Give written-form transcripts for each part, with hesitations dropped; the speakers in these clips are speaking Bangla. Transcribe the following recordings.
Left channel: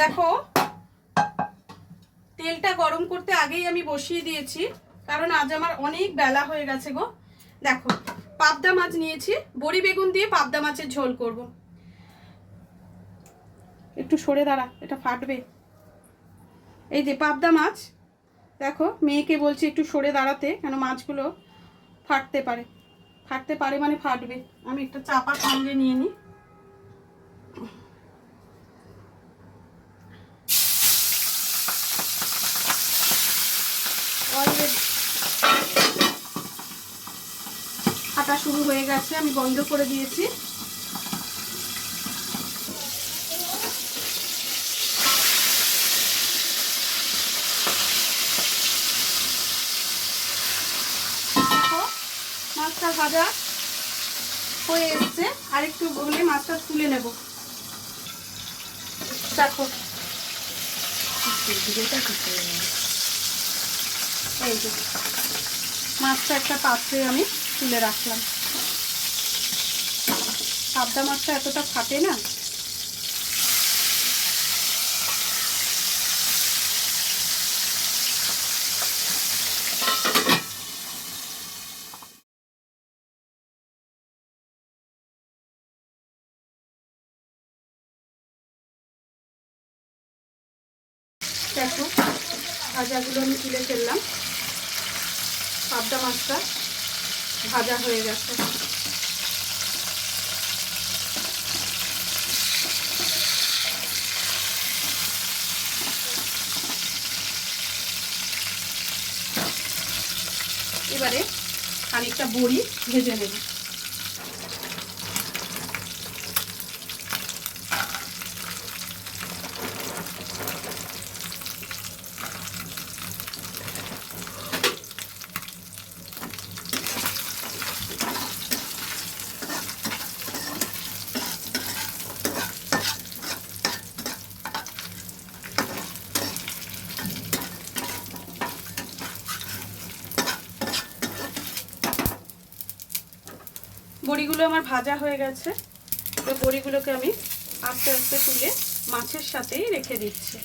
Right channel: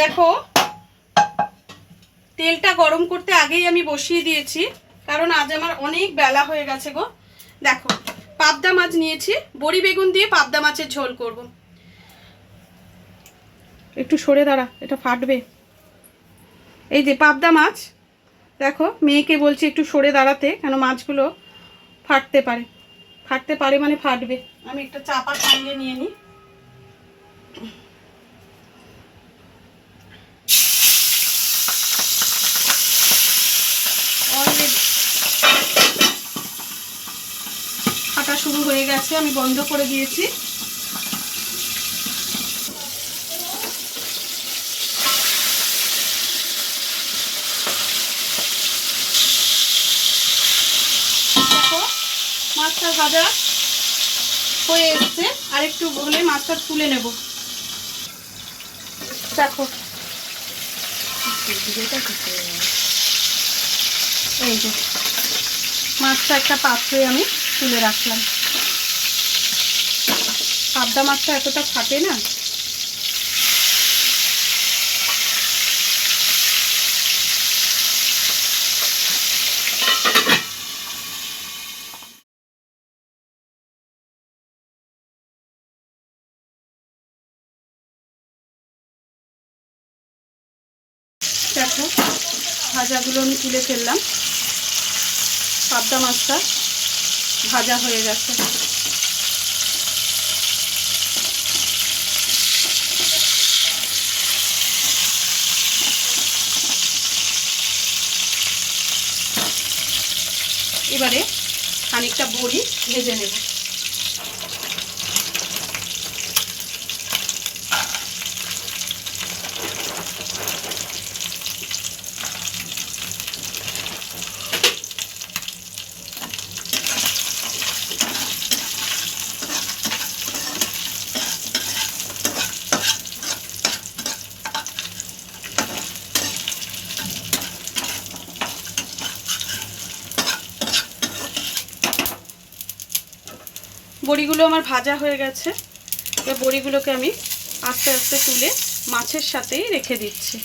দেখো তেলটা গরম করতে আগেই আমি বসিয়ে দিয়েছি, কারণ আজ আমার অনেক বেলা হয়ে গেছে গো। দেখো পাবদা মাছ নিয়েছি, বড়ি বেগুন দিয়ে পাবদা মাছের ঝোল করব। একটু সরে দাঁড়া, এটা ফাটবে। এই যে পাবদা মাছ, দেখো মেয়েকে বলছি একটু সরে দাঁড়াতে, কেন মাছগুলো ফাটতে পারে। ফাটতে পারে মানে ফাটবে। আমি একটা চাপা সঙ্গে নিয়ে নিই। ফাটা শুরু হয়ে গেছে, আমি বন্ধ করে দিয়েছি। দেখো মাছটা ভাজা হয়ে এসছে, আর একটু হলে মাছটা তুলে নেব। দেখো এই যে মাছটা একটা পাত্রে আমি তুলে রাখলাম। পাবদা মাছটা এতটা ফাটে না। দেখো ভাজাগুলো আমি তুলে ফেললাম, পাবদা মাছটা ভাজা হয়ে গেছে। এবারে খানিকটা বড়ি ভেজে নেব। বড়িগুলো আমার ভাজা হয়ে গেছে, তো বড়িগুলোকে আমি আস্তে আস্তে তুলে মাছের সাথেই রেখে দিচ্ছি।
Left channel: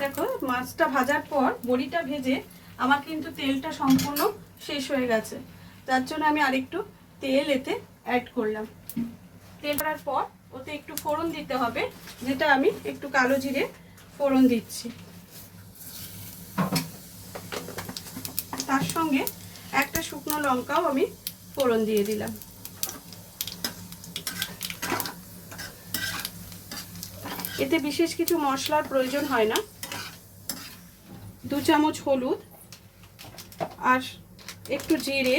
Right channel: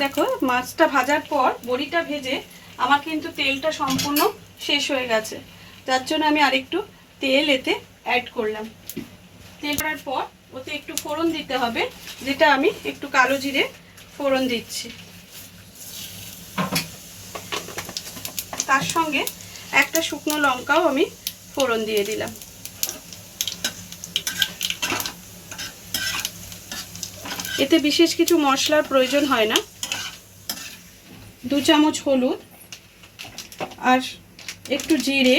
দেখো মাছটা ভাজার পর বড়িটা ভেজে আমার কিন্তু তেলটা সম্পূর্ণ শেষ হয়ে গেছে, যার জন্য আমি আরেকটু তেল এতে অ্যাড করলাম। তেল করার পর ওতে একটু ফোড়ন দিতে হবে, যেটা আমি একটু কালো জিরে ফোড়ন দিচ্ছি। তার সঙ্গে একটা শুকনো লঙ্কাও আমি ফোড়ন দিয়ে দিলাম। এতে বিশেষ কিছু মশলার প্রয়োজন হয় না। 2 চামচ হলুদ আর একটু জিরে।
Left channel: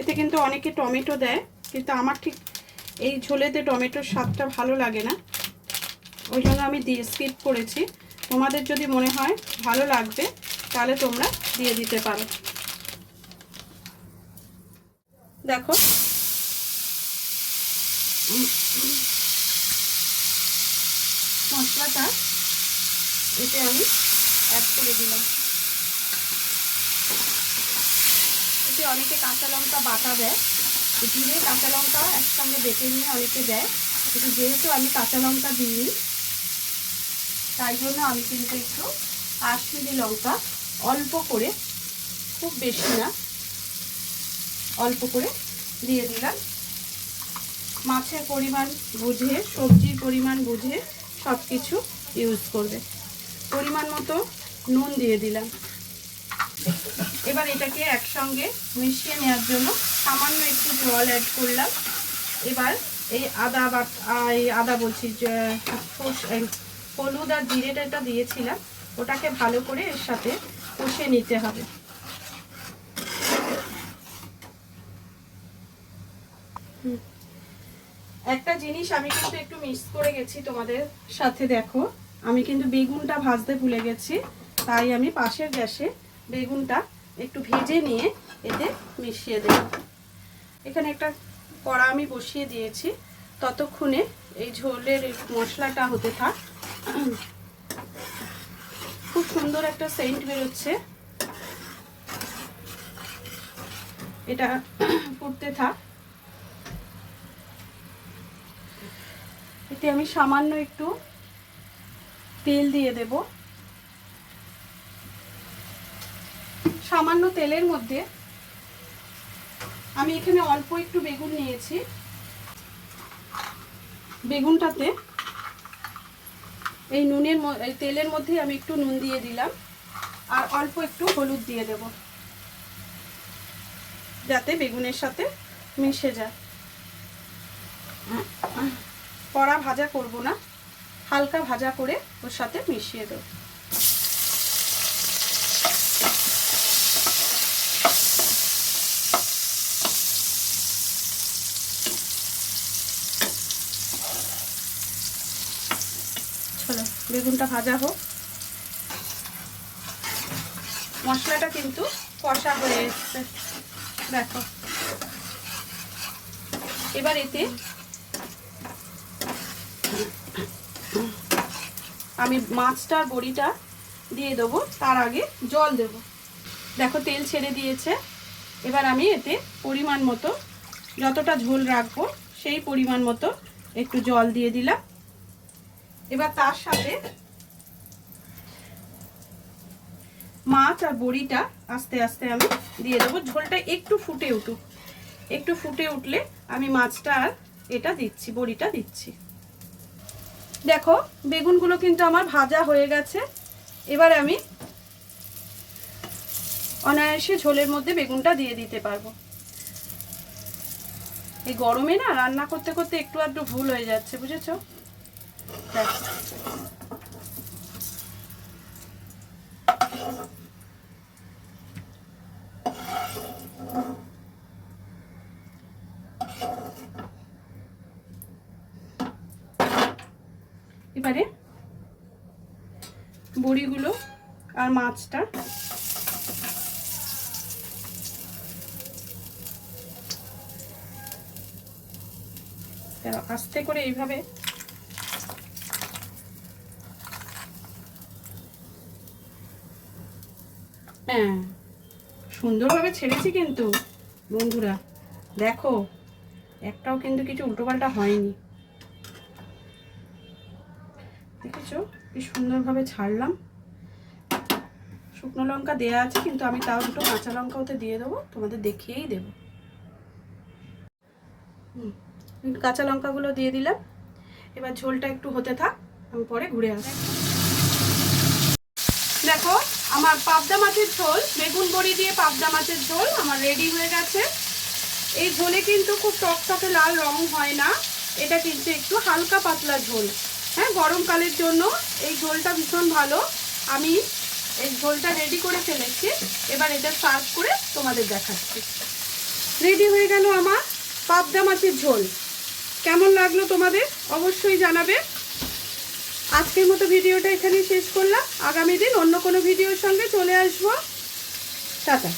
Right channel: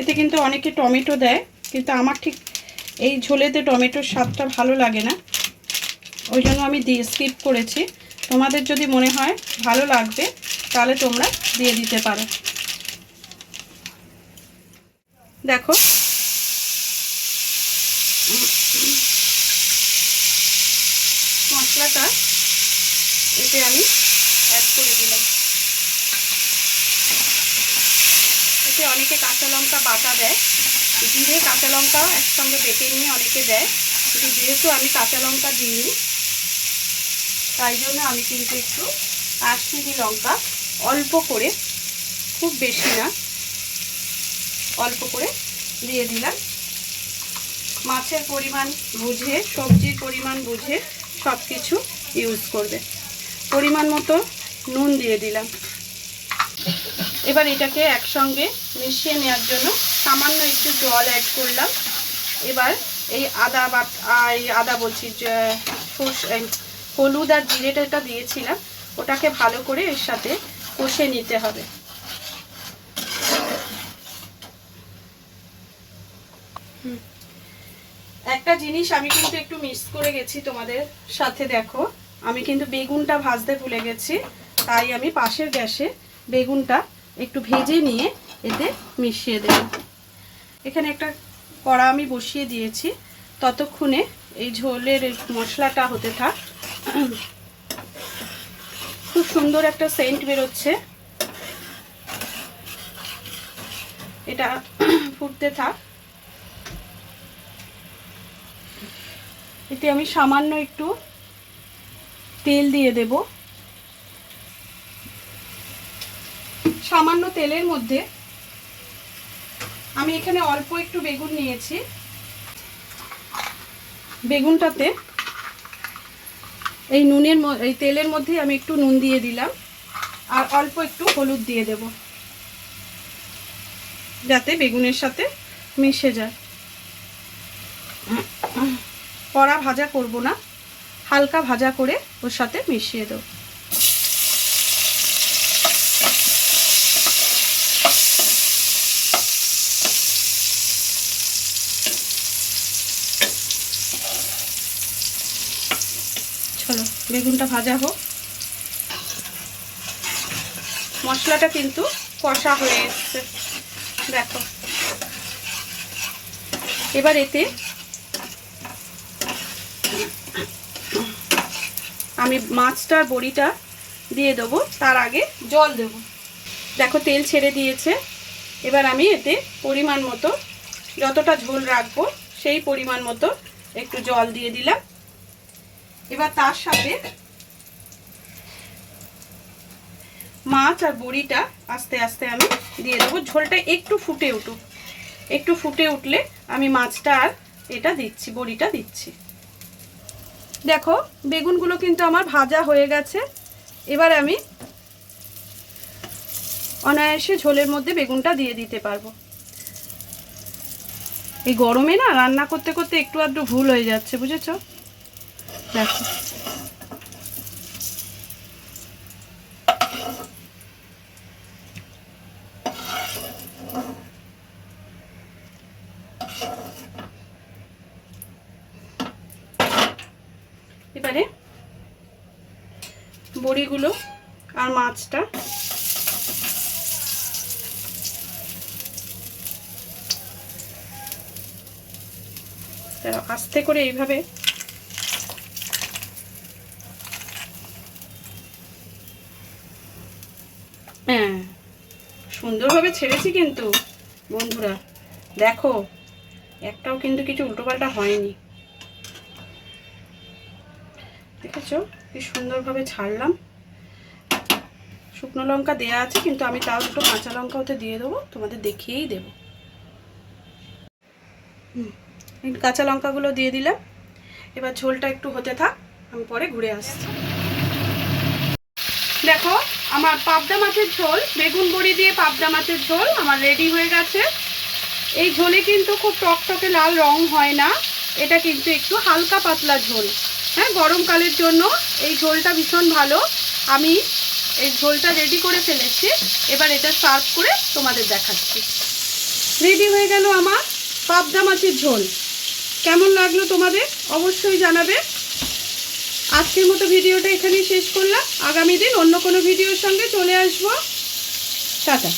এতে কিন্তু অনেকে টমেটো দেয়, কিন্তু আমার ঠিক এই ঝোলেতে টমেটোর স্বাদটা ভালো লাগে না, ওই জন্য আমি স্কিপ করেছি। তোমাদের যদি মনে হয় ভালো লাগবে তাহলে তোমরা দিয়ে দিতে পারো। দেখো মশলাটা এতে আমি অ্যাড করে দিলাম। এতে অনেকে কাঁচা লঙ্কা বাটা দেয়, জিরে কাঁচা লঙ্কাও একসঙ্গে বেটে নিয়ে অনেকে দেয়, কিন্তু যেহেতু আমি কাঁচা লঙ্কা দিইনি তাই জন্য আমি কিন্তু একটু কাশ্মীরি লঙ্কা অল্প করে, খুব বেশি না, অল্প করে দিয়ে দিলাম। মাছের পরিমাণ বুঝে, সবজির পরিমাণ বুঝে সব কিছু ইউজ করবে। পরিমাণ মতো নুন দিয়ে দিলাম। এবার এটাকে একসঙ্গে মিশিয়ে নেওয়ার জন্য সামান্য একটু জল অ্যাড করলাম। এবার এই আদা বলছি, হলুদ আর জিরেটা দিয়েছিলাম, ওটাকে ভালো করে এর সাথে কষে নিতে হবে। একটা জিনিস আমি কিন্তু একটু মিস করে গেছি তোমাদের সাথে। দেখো আমি কিন্তু বেগুনটা ভাজতে ভুলে গেছি, তাই আমি পাশের গ্যাসে বেগুনটা একটু ভেজে নিয়ে এতে মিশিয়ে দেব। এখানে একটা কড়া আমি বসিয়ে দিয়েছি, ততক্ষণে এই ঝোলের মশলাটা হতে থাক। খুব সুন্দর একটা সেন্ট বেরোচ্ছে। এটা ফুটতে থাক। এতে আমি সামান্য একটু তেল দিয়ে দেব। সামান্য তেলের মধ্যে আমি এখানে অল্প একটু বেগুন নিয়েছি। বেগুনটাতে এই এই তেলের মধ্যে আমি একটু নুন দিয়ে দিলাম আর অল্প একটু হলুদ দিয়ে দেব, যাতে বেগুনের সাথে মিশে যায়। কড়া ভাজা করব না, হালকা ভাজা করে ওর সাথে মিশিয়ে দেব। চলো বেগুনটা ভাজা হোক। মশলাটা কিন্তু কষা হয়ে এসছে, দেখো। এবার এতে আমি মাছটার বড়িটা দিয়ে দেবো, তার আগে জল দেব। দেখো তেল ছেড়ে দিয়েছে। এবার আমি এতে পরিমাণ মতো, যতটা ঝোল রাখবো সেই পরিমাণ মতো একটু জল দিয়ে দিলাম। এবার তার সাথে মাছ আর বড়িটা আস্তে আস্তে আমি দিয়ে দেবো। ঝোলটা একটু ফুটে উঠুক, একটু ফুটে উঠলে আমি মাছটা আর এটা দিচ্ছি, বড়িটা দিচ্ছি। দেখো বেগুনগুলো কিন্তু আমার ভাজা হয়ে গেছে। এবার আমি অনায়াসে ঝোলের মধ্যে বেগুনটা দিয়ে দিতে পারবো। এই গরমে না রান্না করতে করতে একটু আধটু ভুল হয়ে যাচ্ছে, বুঝেছো? দেখো এবারে বড়িগুলো আর মাছটা আস্তে করে এইভাবে হ্যাঁ সুন্দরভাবে ছেড়েছি কিন্তু বন্ধুরা, দেখো একটাও কিন্তু কিছু উল্টোপাল্টা হয়নি। দেখেছো কি সুন্দরভাবে ছাড়লাম। শুকনো লঙ্কা দেওয়া আছে, কিন্তু আমি তাও একটু কাঁচা লঙ্কা ওতে দিয়ে দেবো, তোমাদের দেখিয়েই দেবো। কাঁচা লঙ্কাগুলো দিয়ে দিলাম। এবার ঝোলটা একটু হতে থাক, আমি পরে ঘুরে আসি। দেখো আমার পাবদা মাছের ঝোল, বেগুন বড়ি দিয়ে পাবদা মাছের ঝোল আমার রেডি হয়ে গেছে। এই ঝোলে কিন্তু খুব টকটকে লাল রং হয় না, এটা কিন্তু একটু হালকা পাতলা ঝোল। হ্যাঁ, গরমকালের জন্য এই ঝোলটা ভীষণ ভালো। আমি এই ঝোলটা রেডি করে ফেলেছি। এবার এটা সার্ভ করে তোমাদের দেখাচ্ছি। রেডি হয়ে গেল আমার পাবদা মাছের ঝোল। কেমন লাগলো তোমাদের অবশ্যই জানাবে। আজকের মতো ভিডিওটা এখানেই শেষ করলাম। আগামী দিন অন্য কোনো ভিডিওর সঙ্গে চলে আসবো। টাটা।